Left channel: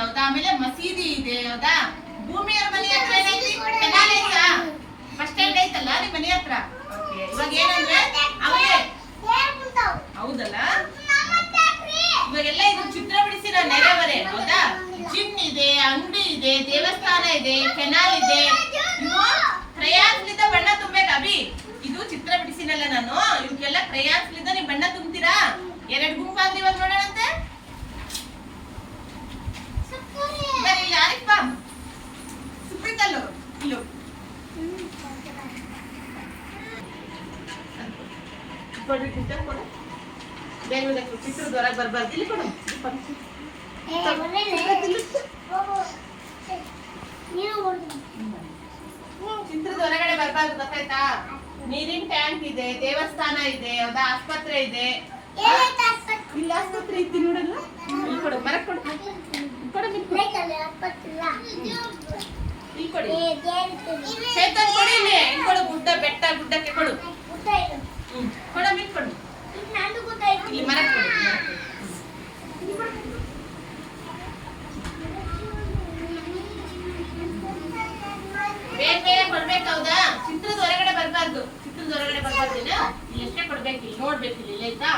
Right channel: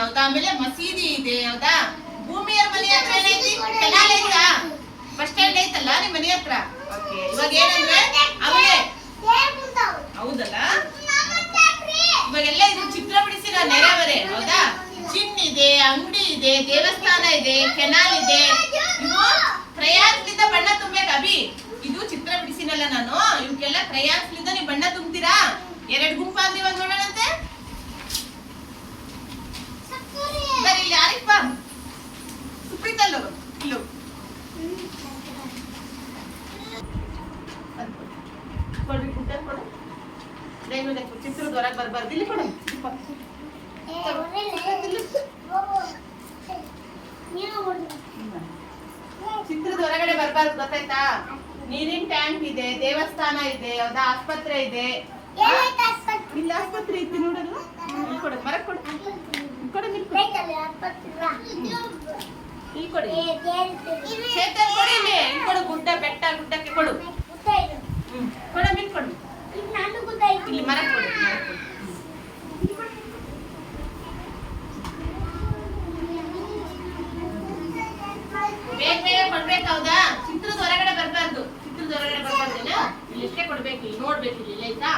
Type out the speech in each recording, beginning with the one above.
ಹೌದಾ, ಆಮೇಲೆ ಮಸೀದಿ ಇದೆ ಹೌದಾ, ಭೂಮಿಯ ಮನೆ ಹತ್ರ ಏನೈತಿ, ಕೆನಾಲ್ ಐತಾ, ಬಸ್ ಸ್ಟ್ಯಾಂಡ್ ಐತಲ್ಲ ನಿಮ್ ಮನೆ ಹತ್ರ. ಓಕೆ, ಇವಾಗ ಏನಂದ್ರೆ ಆಮೇಲೆ ಹೌದಲ್ಲ, ಇವಾಗೆಲ್ಲ ಇದು ಚಿತ್ರ ಬಿಡಿಸಿರೋ ನೆರೆಹೊರೆ ಹೌದಾ. ಜಿಮ್ ಇದೆ, ಅಂಗಡಿ ಇದೆ, ದೇವಸ್ಥಾನ ಇದೆ, ಕೆನಾಲ್ ಇದೆ. ಇವು ಕ್ರಯಾನ್ಸ್ಲಿಂದ ಬಣ್ಣ ತುಂಬೇಕು ಅಭಿ. ಇದು ಚಿತ್ರ ಬಿಡಿಸಿನಲ್ಲ ನಾನು, ಇವಕ್ಕೆಲ್ಲ ಕ್ರಯಾನ್ಸ್ಲಿಂದ ನೀವು ಬಣ್ಣ ತುಂಬ್ತೀರಾ. 2 ಗುಂಪಾದ್ರೆ ಇವಾಗ ನೋಡೋಣಂತೆ. ಬರೀ ಇಲ್ಲಿ ಯಾರಿಗೆ ಬಾ ಸುಪ್ರೀತಲ್ಲು ಇಲ್ಲು ಕೊಡ್ರಿ, ಕೊಡು ಚಿತ್ರದ ಹೊರಗೆ ಬರ್ಬಾರ್ದು. ಇಲ್ಲಿ ಕೊಡು, ಚಿತ್ರದ ಹೊರಗಡೆ ಬರ್ಬಾರ್ದು ಗೊತ್ತಾಯ್ತಾ. ನೀರಿನ ಟ್ಯಾಂಕ್ ಇದೆ, ದೇವಸ್ಥಾನ ಇದೆ ಹೌದಾ, ಆಸ್ಪತ್ರೆ ಇದೆ. ಇಲ್ಲಿ ಆಸ್ಪತ್ರೆ ಐತಿ ನೋಡಲ್ಲ. ಇಲ್ಲಿ ಕೊಡು, ಮರ ಕೊಡು, ಕೊಡು, ಇಲ್ಲಿ ಕೊಡಿ, ಚೇತನ್ ಕೊಡಿ, ಇಲ್ಲಿ ಕೊಡು, ಗುಡ್ಡ ಬೆಟ್ಟ ಗುಡ್ಡಕ್ಕೆ ಕೊಡು, ಕೊಡ ಮಿಲ್ ಕೊಡು, ಇಲ್ಲಿ ಮರ ಕೊಡು, ಬೇಗ ಬೇಗ ಕೊಡ್ಬೇಕು ಹೌದಾ. ಚಿತ್ರದ ಹೊರಗಡೆ ಬರ್ಬಾರ್ದು, ಚಿತ್ರದ ಹೊರಗಡೆ ಬರ್ಬಾರ್ದೇನ, ಇಲ್ಲಿ ಎಷ್ಟೇ ಕೊಡ್ಬೇಕು, ಇಲ್ಲಿ ನೋಡ್ಬೇಕು, ಇಲ್ಲಿ ಆಯ್ತಾ.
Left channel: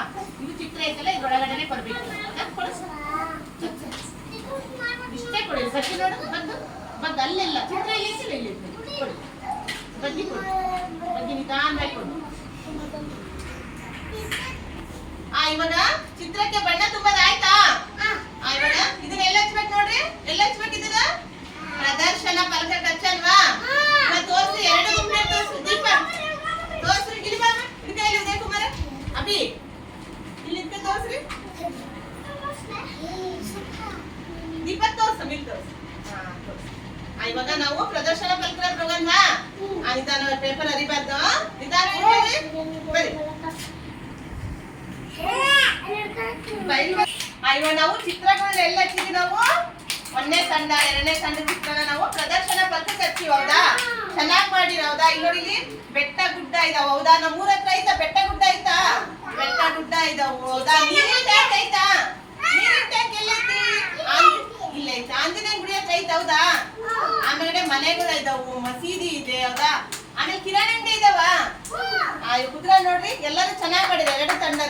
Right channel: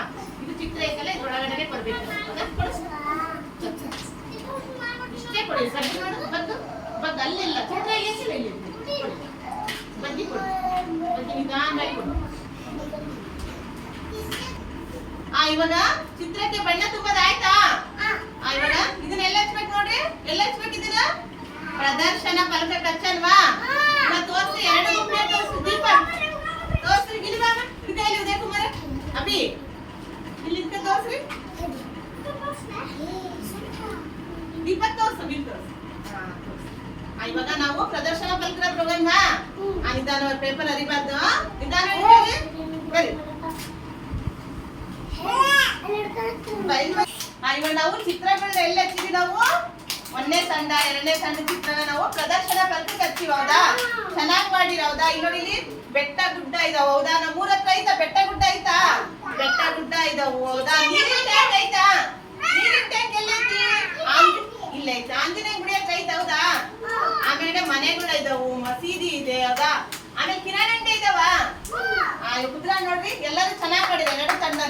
ಇದು ಚಿತ್ರ ಐತಲ್ಲ, ಇದ್ರೊಳಗಡೆ ಕೊಡ್ಬೇಕು ಹೌದಾ. ಕೊಡು, ಇಷ್ಟೇ ಕೊಡಿ, ಸರಿ ನೋಡು, ಬಂದು ಬಂದು ಅಲ್ಲೆಲ್ಲ ಚಿತ್ರ ಎಷ್ಟಿಲ್ಲ, ಇಲ್ಲಿ ಕೊಡಿ, ಬಜ್ಜಿ ಕೊಡು, ಬಜ್ಜಿ ನಿಧಾನವಾಗಿ ಕೊಡು. ಇವಾಗ ಚಿತ್ರಕ್ಕೆ ಬಣ್ಣ ತುಂಬೋದಾಯ್ತಾ. ಇವಾಗ ಇದನ್ನೆಲ್ಲ ಹಚ್ಬೇಕು ನೋಡ್ರಿ, ಎಲ್ಲ ಹಚ್ಬೇಕು ಇದನ್ನ. ಪ್ರದರ್ಶನ ಫಲಕ ಹಚ್ಚನ್ವಾ, ತೋರ್ಸಿ, 2 ಗುಂಪೆ ತೋರ್ಸು. ದೀಪ ತೋರ್ಸ್ರಿ, ಇಲ್ಲಿ ಬಾ, ಇಲ್ಲಿ ಉದಯ ಕುಮಾರ ಅಭಿ, ಇಲ್ಲಿ ತೋರ್ಸ್ರಿ, ದೀಪ ತೋರ್ಸು, ಇಲ್ಲಿ ತೋರ್ಸು. ಇವಾಗ ನಾವು ಪ್ರದರ್ಶನ ಫಲಕ ಹೋಗೋಣ. ನಿಧಾನ, ಪೇಪರ್ ಅರಿಬಾರ್ದು, ನಿಧಾನ ಬರಿ. ಇವಾಗ ನಾವು ಚಿತ್ರಗಳನ್ನ ಎಲ್ಲ ಹಚ್ಚಿದ್ವಿ. ನಾವು 1ನೇ ತಂಡ 2ನೇ ತಂಡ ಚಿತ್ರನ ನಾವು ಪ್ರದರ್ಶನ ಫಲಕಕ್ಕೆ ಹಚ್ಚಿವಿ ಹೌದಾ. ಚೆನ್ನಾಗಿ ಮಾಡಿರ ಹೌದಾ. ಇಲ್ಲಿ ನೋಡಿ, ಇಲ್ಲಿ ಬೆಟ್ಟ ಗುಡ್ಡ ಇದಾವ ಹೌದಾ. ನಮ್ಮ ಊರ ಹತ್ರ ಐತಾ ಬೆಟ್ಟ ಗುಡ್ಡ ಐತಾ, ಬೆಟ್ಟ ಗುಡ್ಡ ಇದಾವು ಹೌದಾ. ನೀರಿನ ಟ್ಯಾಂಕ್ ಐತಾ, ನೀರಿನ ಟ್ಯಾಂಕ್ ಎಲ್ಲೈತಿ, ಇಲ್ಲ ಐತಾ. ಆಂಜನೇಯ ಗುಡಿ ಹತ್ರ ಐತ ಹೌದಾ. ಆಮೇಲೆ ಮನೆಗಳು ಇದಾವು, ಮಸೀದಿ ಇದೆ ಹೌದಾ. ಆಮೇಲೆ ಕಿರಾಣಿ ಅಂಗಡಿ ಇದಾವ. ಕುದ್ರ ನೋಡ್ರಿ, ಎಲ್ಲರೂ ಚೆನ್ನಾಗಿ ಮಾಡಿದಾರೆ 2 ತಂಡ.